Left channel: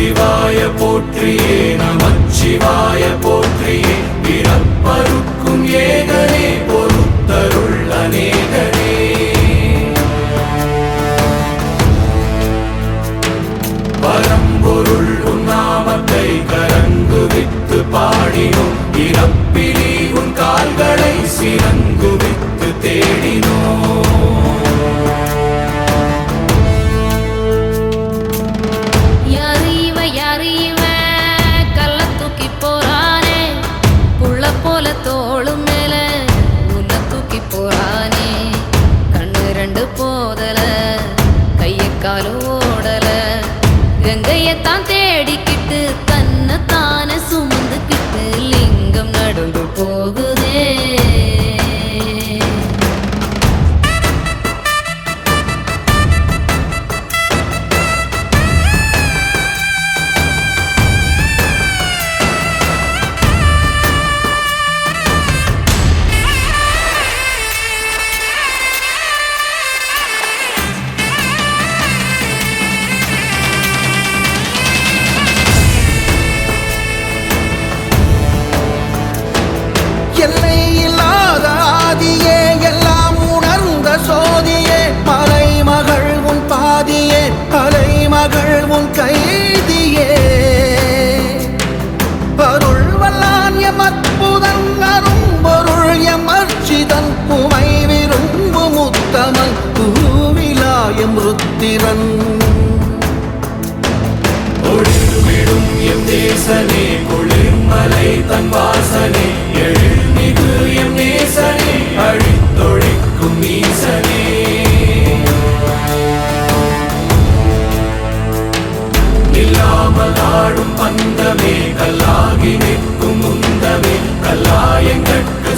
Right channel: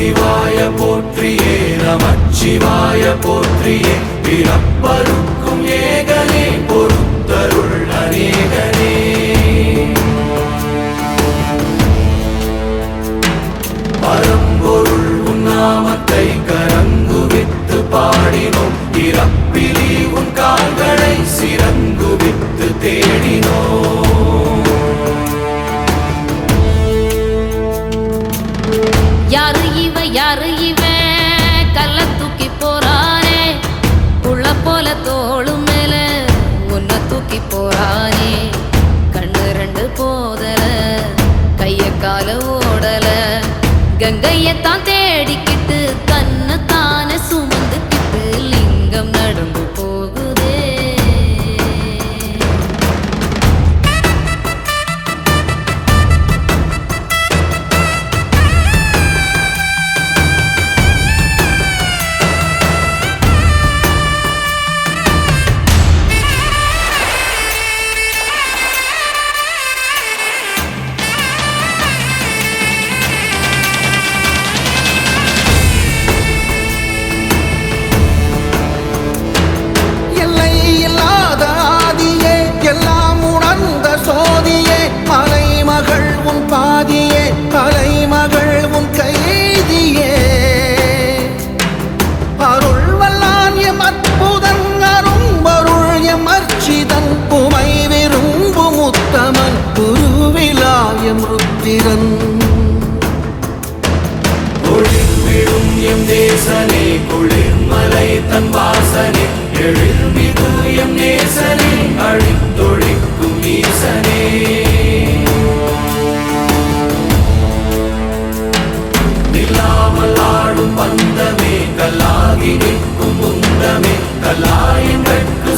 சிவாய போற்றியே நமச்சிவாய போற்றியே பிறப்பருக்கும் ஏகனே பொறுத்தருள் அநேகனே பரம்பொருள் உன்னாமத்தை கரங்குவித்து பாடினோம் இறப்பிலி உன் கால்களை சிறங்குவித்து தேடினோம்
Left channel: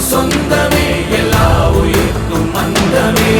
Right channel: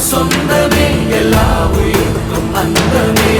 சொந்தமே எல்லா உயிர்க்கும் அந்தமே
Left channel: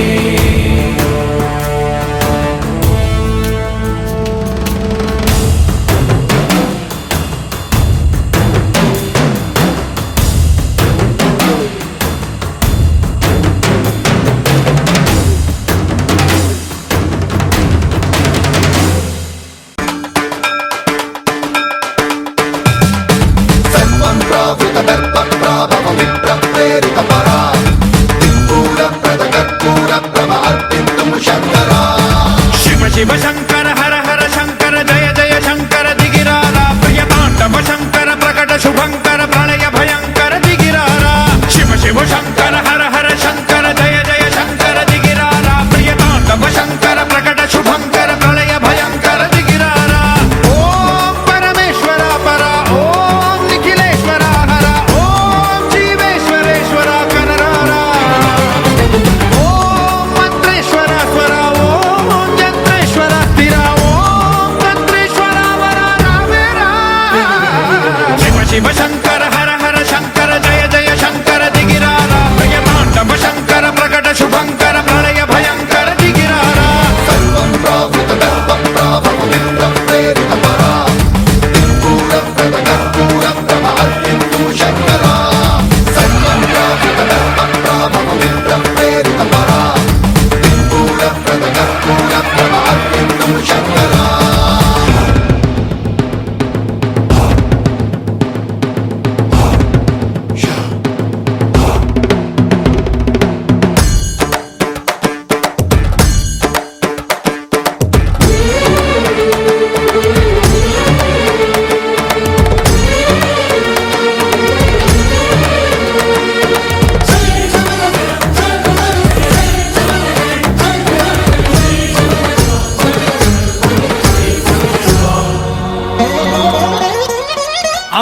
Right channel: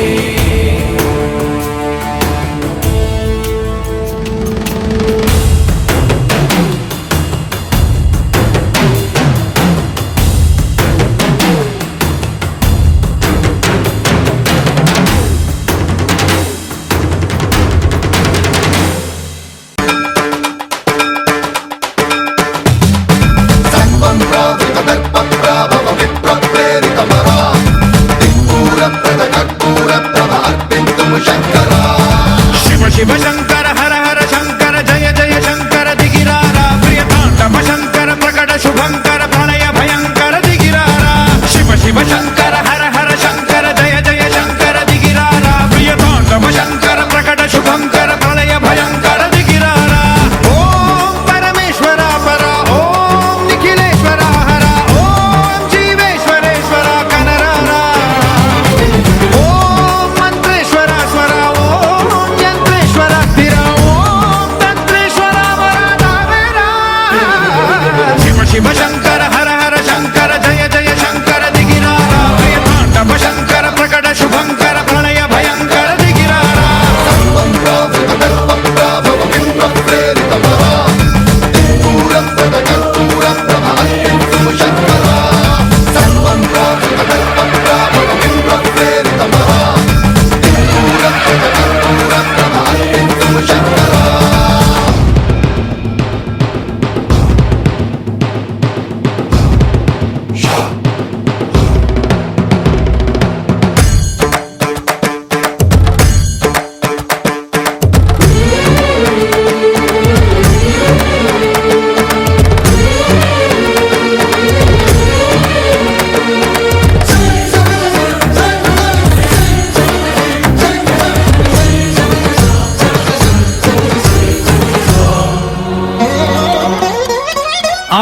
शिव शंकर हर हर शंकर जय जय शंकर दिगिरारा प्रियतांडव शंकर प्रकट शुभंकर प्रणय भयंकर दिगिरारा शिव शिव शंकर हर हर शंकर जय जय शंकर दिगिरारा प्रियतांडव शंकर प्रकट शुभंकर प्रणय भयंकर दिगिरारा ओम परमेश्वरा परा ओम निखिलेश्वरा हरा ओम जीवेश्वरेश्वरा कनरारा ओम मंत्रेश्वरा स्वरा शिव शंकर हर हर शंकर जय जय शंकर दिगिरारा प्रियतांडव शंकर प्रकट शुभंकर प्रणय भयंकर दिगिरारा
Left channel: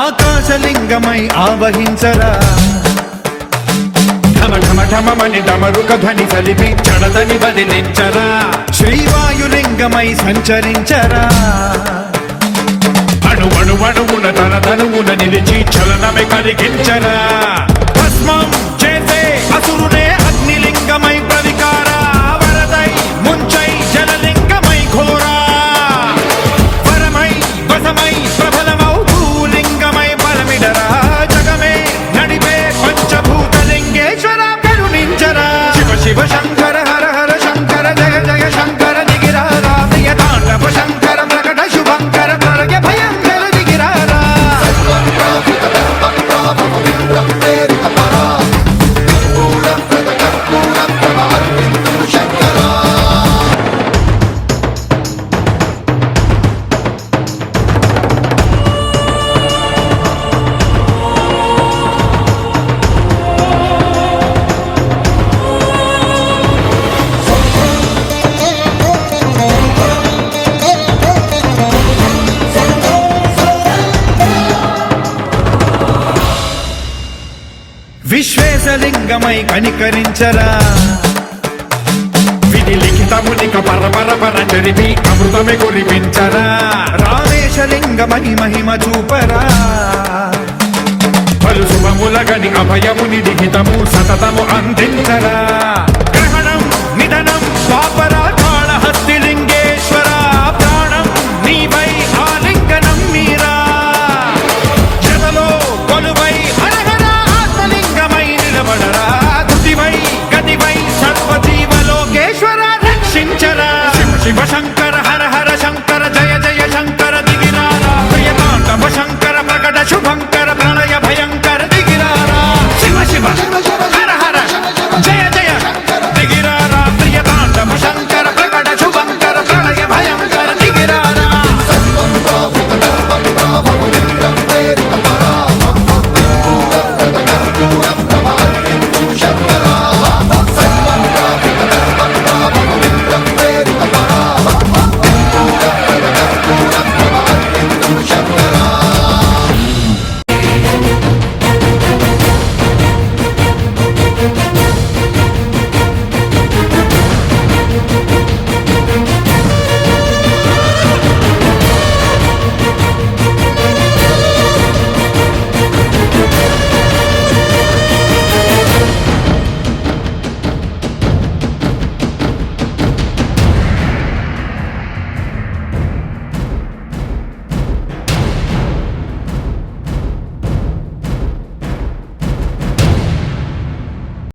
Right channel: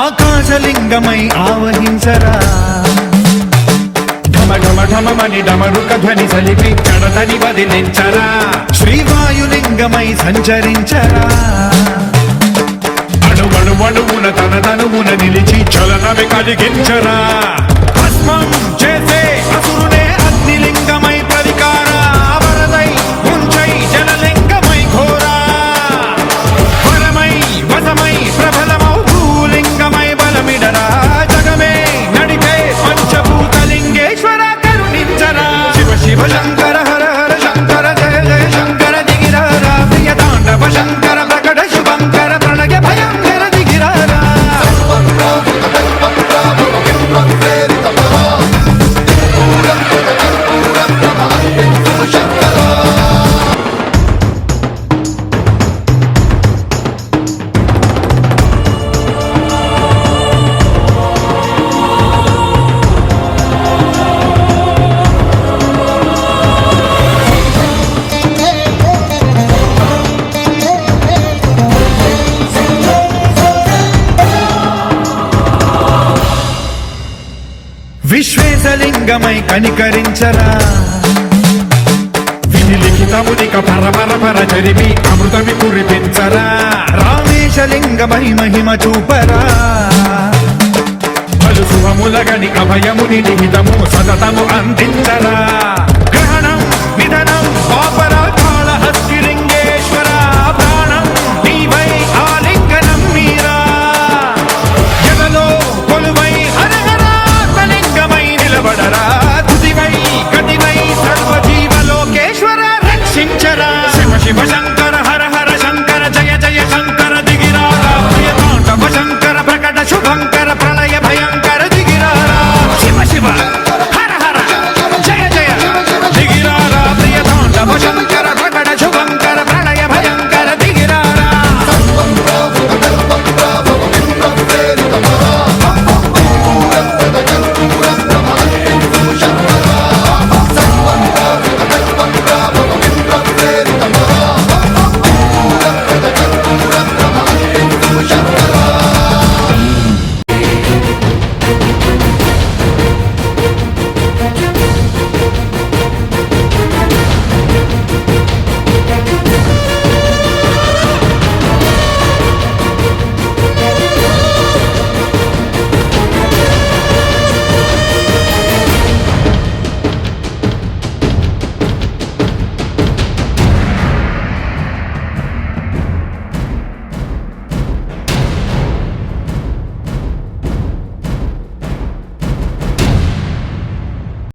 ఆకాశలింగమై ఆవహించరా ఢమ ఢమ ఢమమని డమరుక ధ్వని సలిపి చడదని వదిలించరా శ్రీవాయులింగమై సంచరించరా అణువణువున తన తనువున నిలిచి చలనమే కలిగించరా భస్మం చేసే అసురునే అగ్నిలింగమై ప్రతికార వరదై ముంచై జలలింగమై ఘోరా వరమై వసమై ప్రబలమౌ భూలింగమై బలమిడరా జగమే నడిపే పంచభూతలింగేశ్వర కరుణించరా శివ శివ శంకర హర హర శంకర జయ జయ శంకర దిగిరారా ప్రియ తాండవ శంకర ప్రకట శుభంకర ప్రళయ భయ శేషలింగమై కనికరించరా విధి లిఖితమునిక పరపర జరిపి అమృతమి కురిపించరా రామేశలింగమై మహిమ చూపరా పలు శుభములగని అభయముని లిఖితము సతతము అందించరా